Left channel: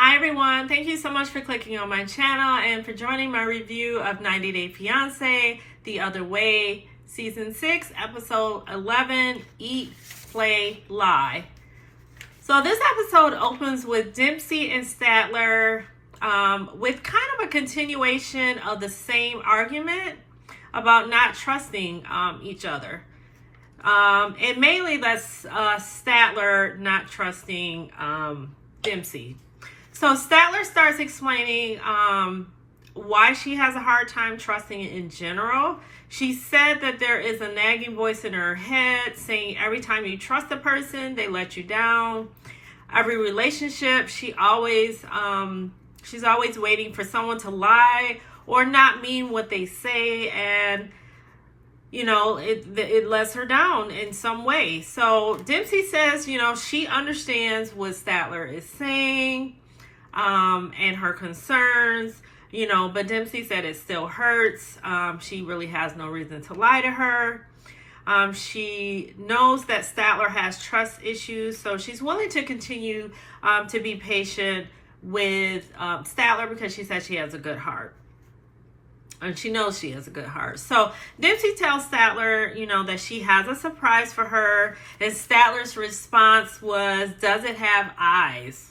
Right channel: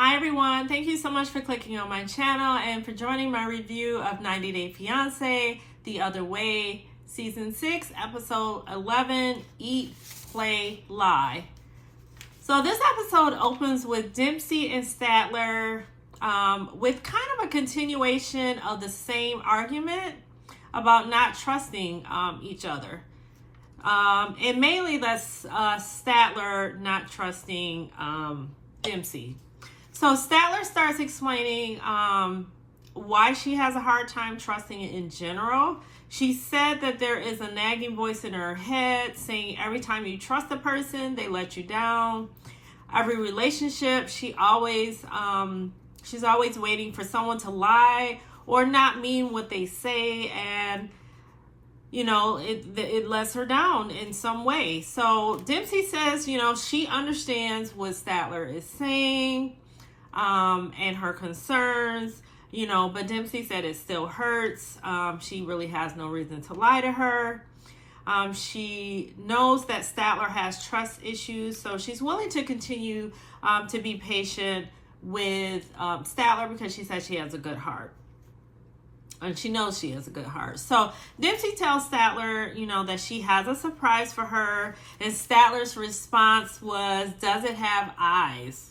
Hi everyone, thank you so much for clicking on my channel and for joining my review of 90 Day Fiancé, The Other Way, Season 6, Episode 11, Eat, Play, Lie. So this episode opens with Dempsey and Statler with kind of a continuation of the same argument about not trusting each other. And mainly that's Statler not trusting Dempsey. So Statler starts explaining why she has a hard time trusting it in general. She said that there is a nagging voice in her head saying every time you trust a person, they let you down. Every relationship, she's always waiting for someone to lie or not mean what they say, and you know, it lets her down in some way. So Dempsey says, you know, she understands what Statler is saying and her concerns, you know, but Dempsey said it still hurts. She really has no reason to lie to her. She knows that Statler has trust issues, so she's willing to continue to be patient with Statler because she says she has a good heart. And she knows she has a good heart. So Dempsey tells Statler, you know, that she has a surprise for her. And Statler's response was, does it have eyes?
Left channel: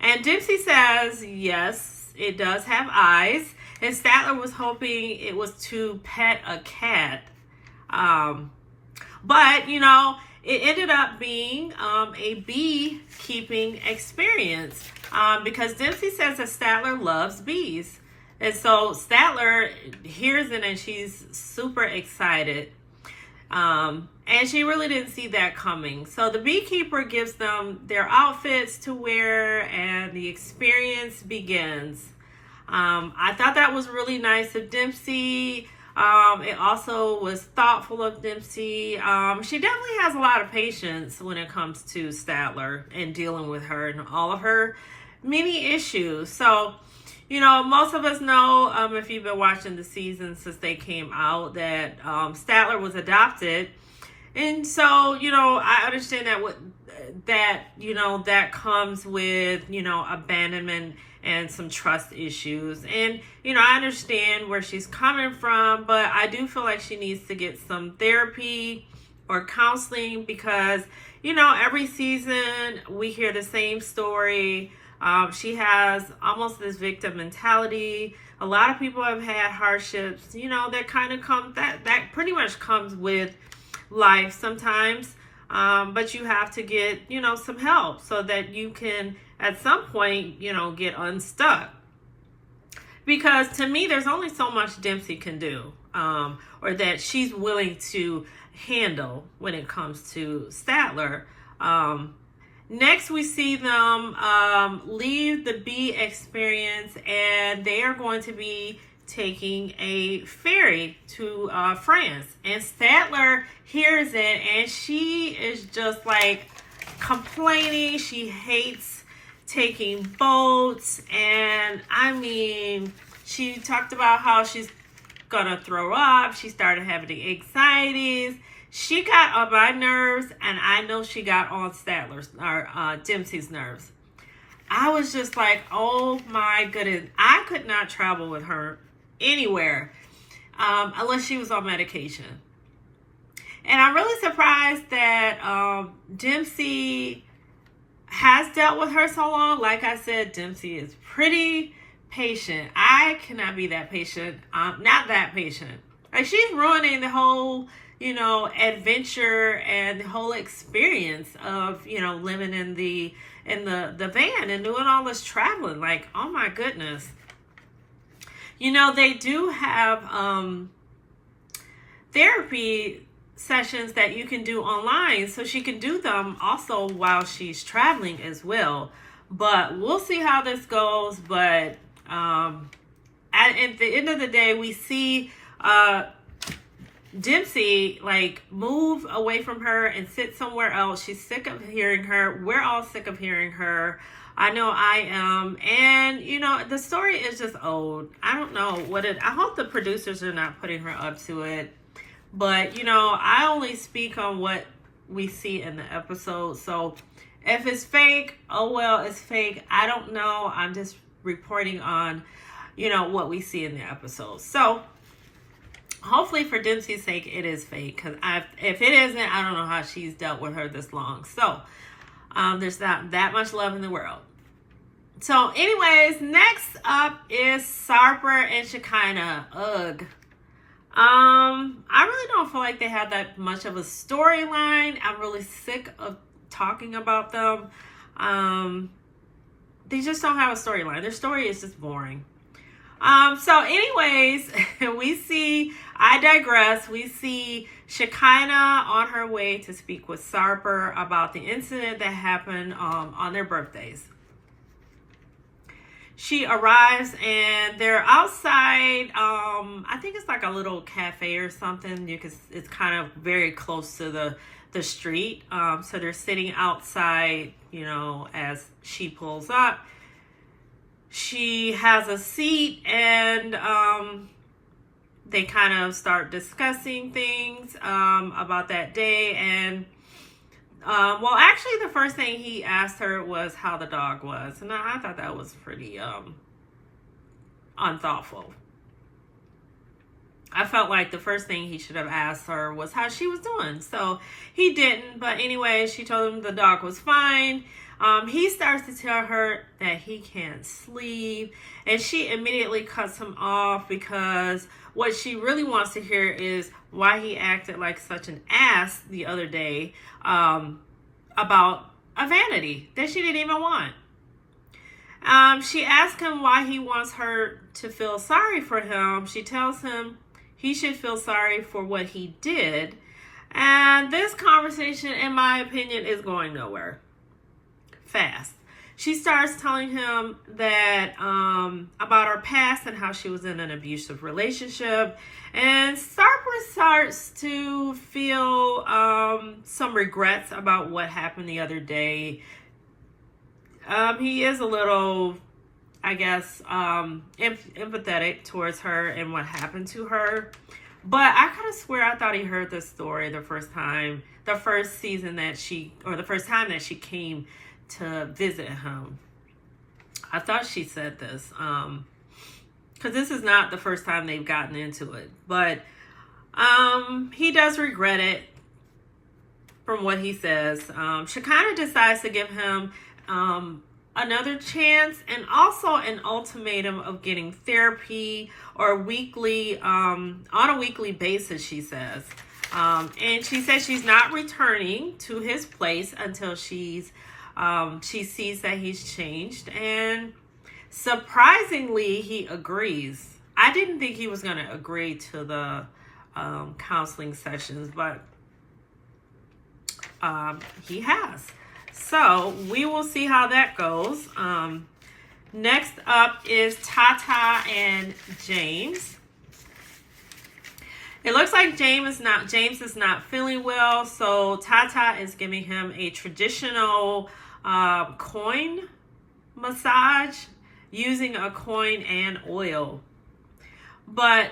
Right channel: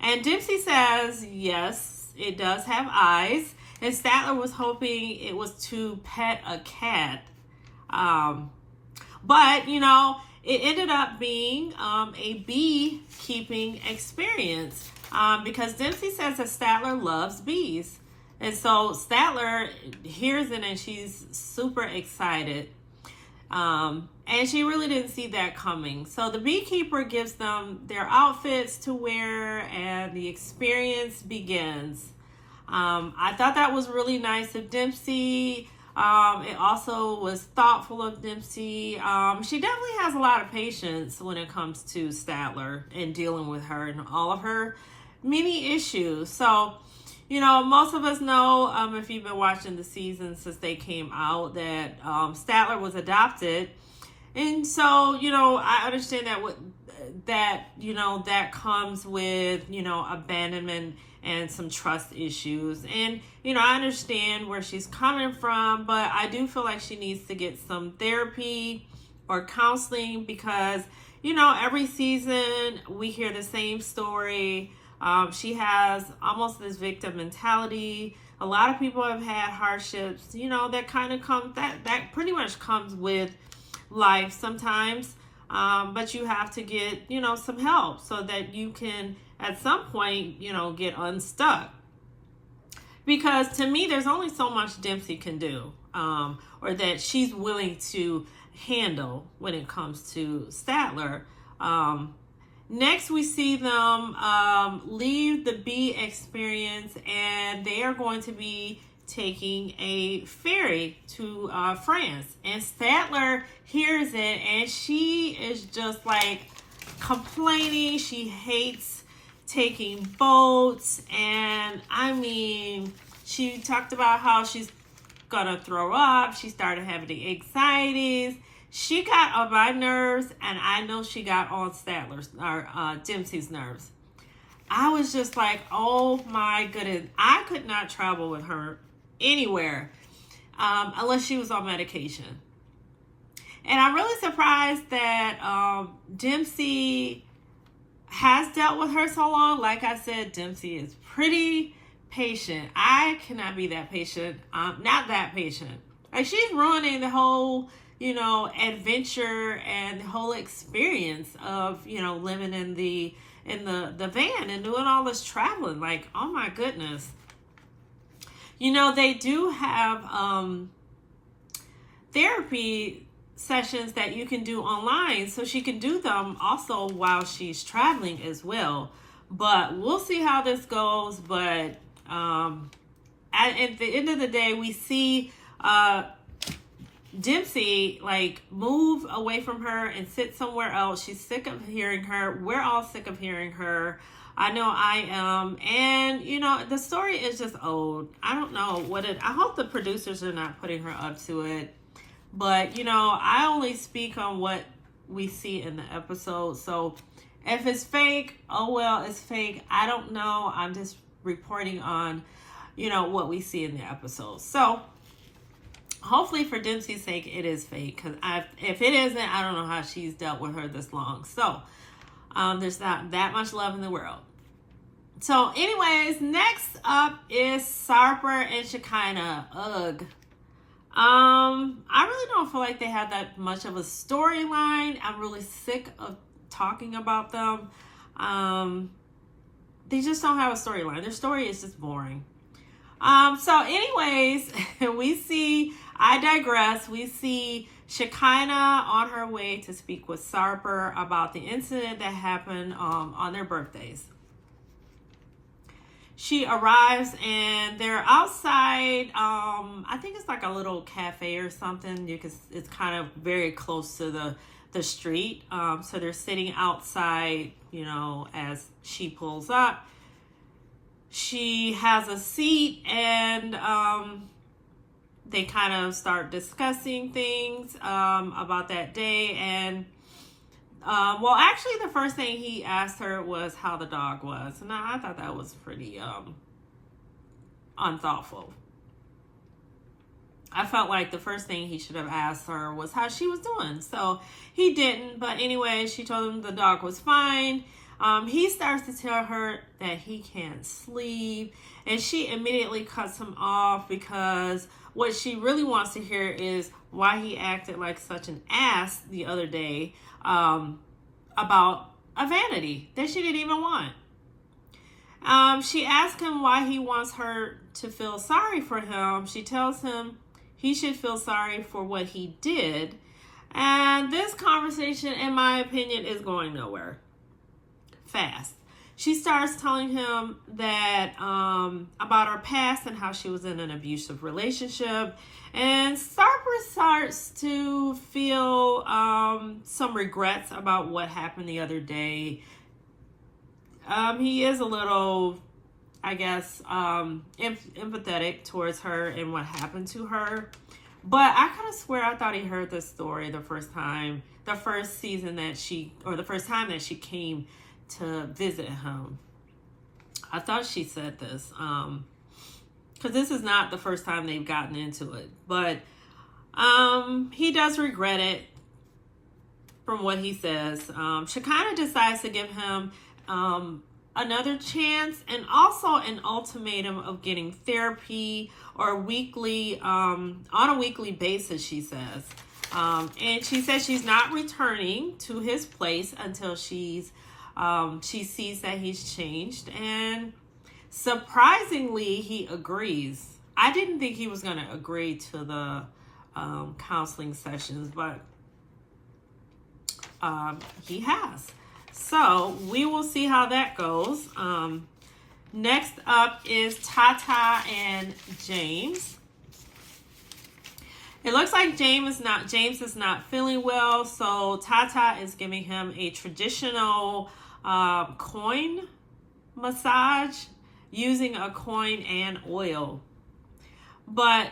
And Dempsey says, yes, it does have eyes. And Statler was hoping it was to pet a cat. But, you know, it ended up being a beekeeping experience. Because Dempsey says that Statler loves bees. And so Statler hears it and she's super excited. And she really didn't see that coming. So the beekeeper gives them their outfits to wear and the experience begins. I thought that was really nice of Dempsey. It also was thoughtful of Dempsey. She definitely has a lot of patience when it comes to Statler and dealing with her and all of her many issues. So, you know, most of us know, if you've been watching the season since they came out, that Statler was adopted. And so, you know, I understand that comes with, you know, abandonment and some trust issues. And, you know, I understand where she's coming from, but I do feel like she needs to get some therapy or counseling because, you know, every season we hear the same story. She has almost this victim mentality. A lot of people have had hardships, you know, that kind of comes, that pretty much comes with life sometimes. But you have to get, you know, some help so that you can, at some point, you know, get unstuck. Because to me, there's only so much Dempsey can do, or that she's willing to handle when it comes to Statler. Next, we see them leave the bee experience, and they are going to be taking a ferry to France. And Statler hears it, and she is just like complaining. She hates taking boats, and I mean, she talked about how she's gonna throw up. She started having the anxieties. She got on my nerves, and I know she got on Statler's or Dempsey's nerves. I was just like, oh my goodness. I could not travel with her anywhere unless she was on medication. And I'm really surprised that Dempsey has dealt with her so long. Like I said, Dempsey is pretty patient. I cannot be that patient. Not that patient. Like, she's ruining the whole, you know, adventure and the whole experience of, you know, living in the van and doing all this traveling. Like, oh my goodness. You know, they do have therapy sessions that you can do online, so she can do them also while she's traveling as well. But we'll see how this goes. But at the end of the day, we see Dempsey like move away from her and sit somewhere else. She's sick of hearing her. We're all sick of hearing her. I know I am. And you know, the story is just old. I don't know I hope the producers are not putting her up to it. But you know, I only speak on what we see in the episode. So If it's fake, oh well, it's fake. I don't know. I'm just reporting on, what we see in the episode. So hopefully for Dempsey's sake, it is fake. Because if it isn't, I don't know how she's dealt with her this long. So there's not that much love in the world. So anyways, next up is Sarper and Shekinah. Ugh. I really don't feel like they have that much of a storyline. I'm really sick of talking about them. They just don't have a storyline. Their story is just boring. So anyways, I digress. We see Shekinah on her way to speak with Sarper about the incident that happened on their birthdays. She arrives and they're outside. I think it's like a little cafe or something. It's kind of very close to the street. So they're sitting outside, as she pulls up. She has a seat and they kind of start discussing things about that day. And actually, the first thing he asked her was how the dog was. And I thought that was pretty unthoughtful. I felt like the first thing he should have asked her was how she was doing. So he didn't. But anyway, she told him the dog was fine. He starts to tell her that he can't sleep. And she immediately cuts him off because what she really wants to hear is why he acted like such an ass the other day about a vanity that she didn't even want. She asks him why he wants her to feel sorry for him. She tells him he should feel sorry for what he did. And this conversation, in my opinion, is going nowhere fast. She starts telling him that about her past and how she was in an abusive relationship. And Sarper starts to feel some regrets about what happened the other day. He is a little, I guess, empathetic towards her and what happened to her. But I kind of swear I thought he heard this story the first time that she came to visit him. I thought she said this. Because this is not the first time they've gotten into it. But he does regret it from what he says. Shekinah decides to give him another chance and also an ultimatum of getting therapy or weekly, on a weekly basis, she says. And she says she's not returning to his place until she sees that he's changed. And surprisingly, he agrees. I didn't think he was going to agree to the counseling sessions, but he has. So we will see how that goes. Next up is Tata and James. It looks like James is not feeling well, so Tata is giving him a traditional coin massage using a coin and oil. But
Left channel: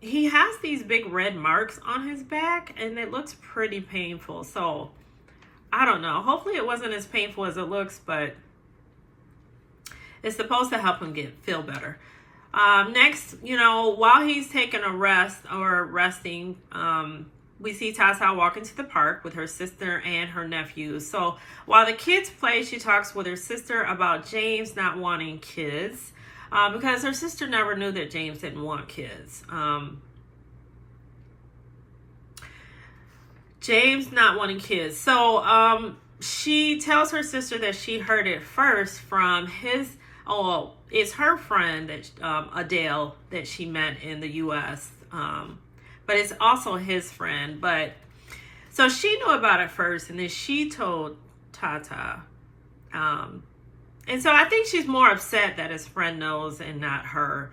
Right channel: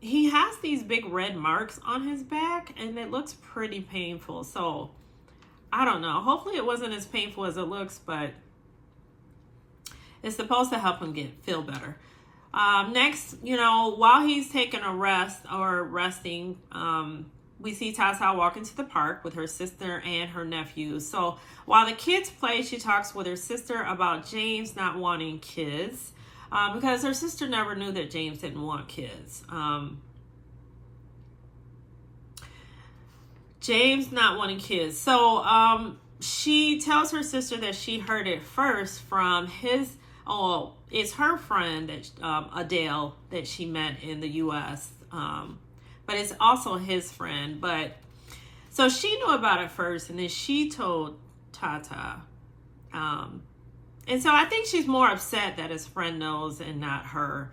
he has these big red marks on his back, and it looks pretty painful. So I don't know. Hopefully it wasn't as painful as it looks, but it's supposed to help him feel better. Next, while he's taking a rest or resting, we see Tata walk into the park with her sister and her nephew. So while the kids play, she talks with her sister about James not wanting kids, because her sister never knew that James didn't want kids. James not wanting kids. So she tells her sister that she heard it first from it's her friend that Adele that she met in the U.S. But it's also his friend. But so she knew about it first, and then she told Tata. And so I think she's more upset that his friend knows and not her,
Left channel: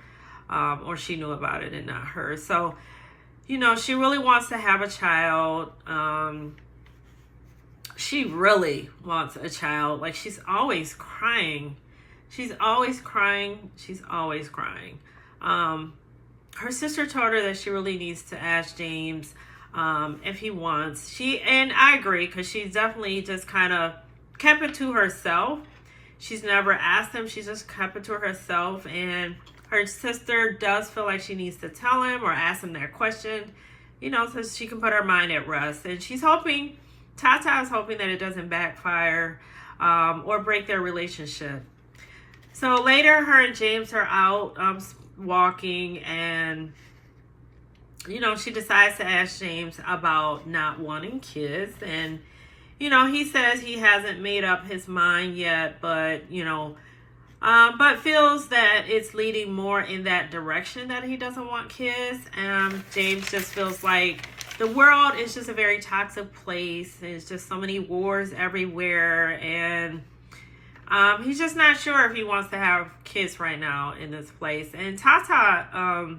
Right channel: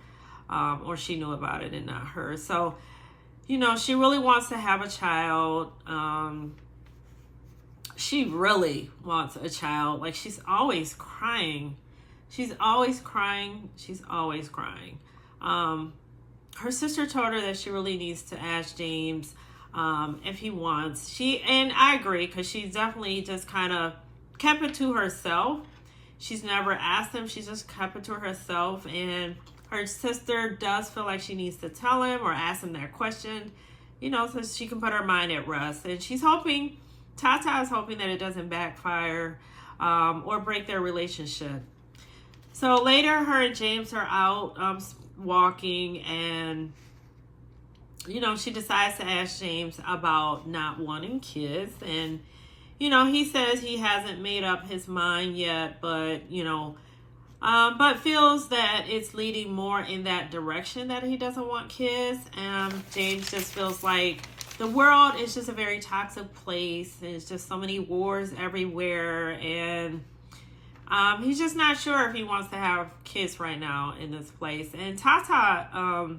or she knew about it and not her. So, she really wants to have a child. She really wants a child. Like, she's always crying. She's always crying. Her sister told her that she really needs to ask James if he wants. And I agree, because she's definitely just kind of kept it to herself. She's never asked him. She's just kept it to herself. And her sister does feel like she needs to tell him or ask him that question, you know, so she can put her mind at rest. And she's hoping, Tata is hoping that it doesn't backfire or break their relationship. So later, her and James are out walking, and you know, she decides to ask James about not wanting kids. And you know, he says he hasn't made up his mind yet, but you know, but feels that it's leading more in that direction, that he doesn't want kids. James just feels like the world is just a very toxic place. There's just so many wars everywhere, and he's just not sure if he wants to have kids right now in this place. And Tata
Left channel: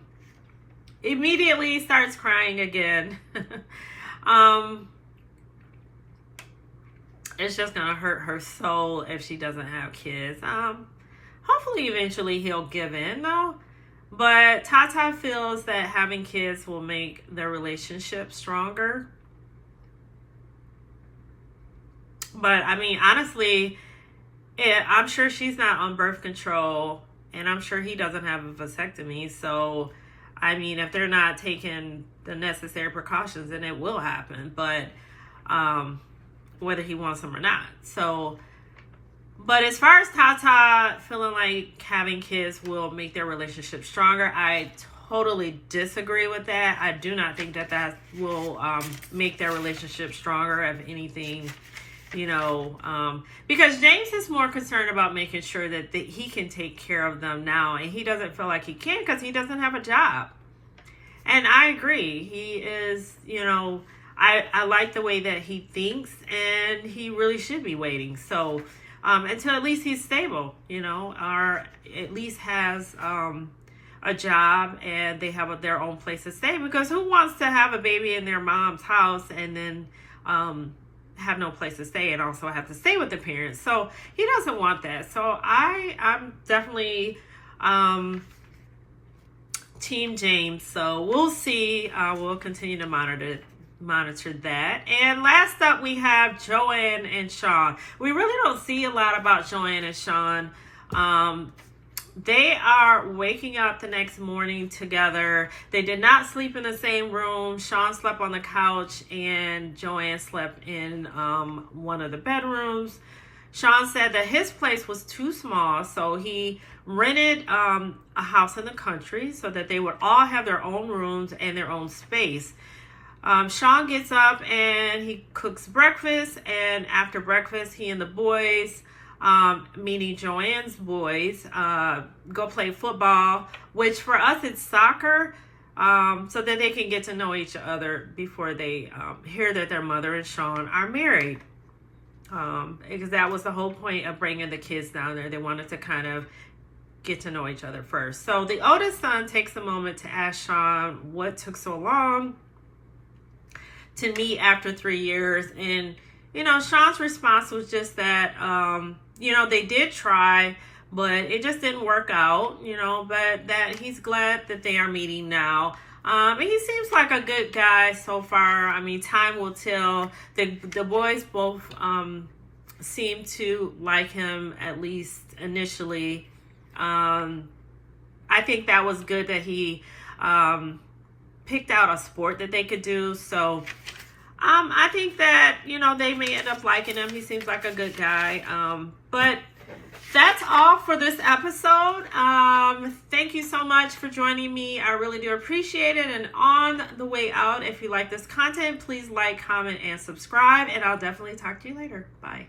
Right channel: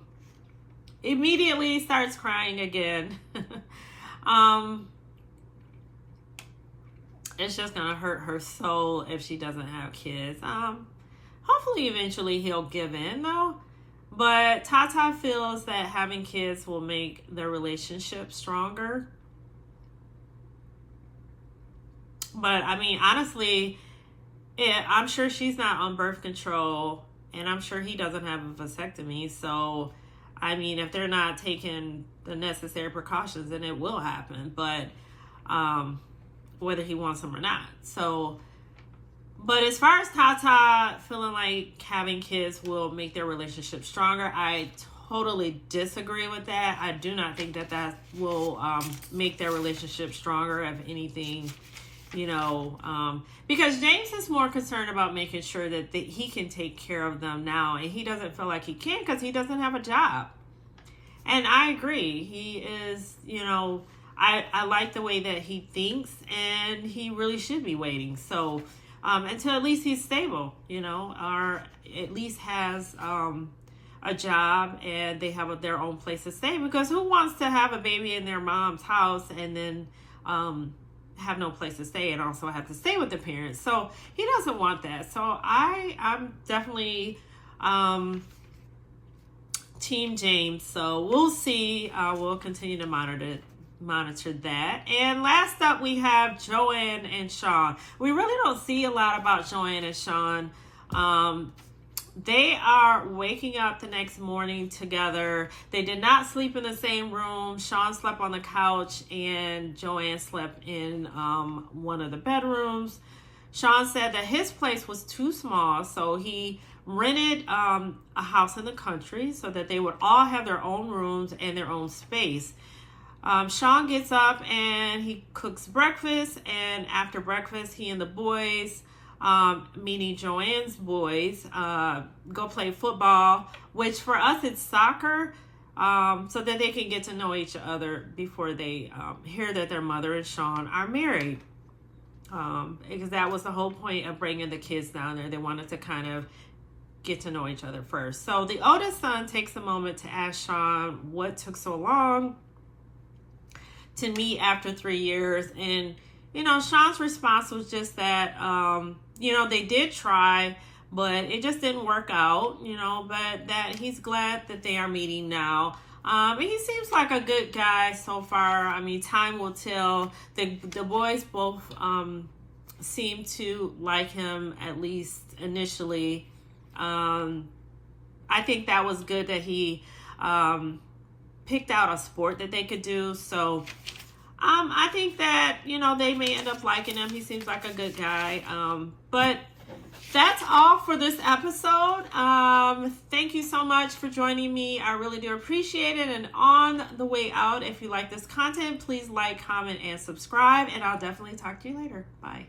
immediately starts crying again. It's just gonna hurt her soul if she doesn't have kids. Hopefully eventually he'll give in though. But Tata feels that having kids will make their relationship stronger. But I mean, honestly, I'm sure she's not on birth control, and I'm sure he doesn't have a vasectomy. So, I mean, if they're not taking the necessary precautions, then it will happen. But whether he wants them or not. So, but as far as Tata feeling like having kids will make their relationship stronger, I totally disagree with that. I do not think that that will make their relationship stronger. If anything, you know, because James is more concerned about making sure that he can take care of them now, and he doesn't feel like he can because he doesn't have a job. And I agree. He is, you know, I like the way that he thinks, and he really should be waiting. So until at least he's stable, you know, or at least has a job and they have their own place to stay. Because who wants to have a baby in their mom's house and then have no place to stay and also have to stay with the parents? So he doesn't want that. So I'm definitely Team James. So we'll see. We'll continue to monitor that. And last up, we have Joanne and Sean. We really don't see a lot about Joanne and Sean. They are waking up the next morning together. They did not sleep in the same room. Sean slept on the couch and Joanne slept in one of the bedrooms. Sean said that his place was too small, so he rented a house in the country so that they would all have their own rooms and their own space. Sean gets up and he cooks breakfast, and after breakfast, he and the boys, meaning Joanne's boys, go play football, which for us it's soccer, so that they can get to know each other before they hear that their mother and Sean are married. Because that was the whole point of bringing the kids down there. They wanted to kind of get to know each other first. So the oldest son takes a moment to ask Sean what took so long to meet after 3 years. And, you know, Sean's response was just that, you know, they did try, but it just didn't work out, you know, but that he's glad that they are meeting now. And he seems like a good guy so far. I mean, time will tell. The boys both seem to like him, at least initially. I think that was good that he picked out a sport that they could do. So I think that, you know, they may end up liking him. He seems like a good guy. But that's all for this episode. Thank you so much for joining me. I really do appreciate it. And on the way out, if you like this content, please like, comment, and subscribe. And I'll definitely talk to you later. Bye.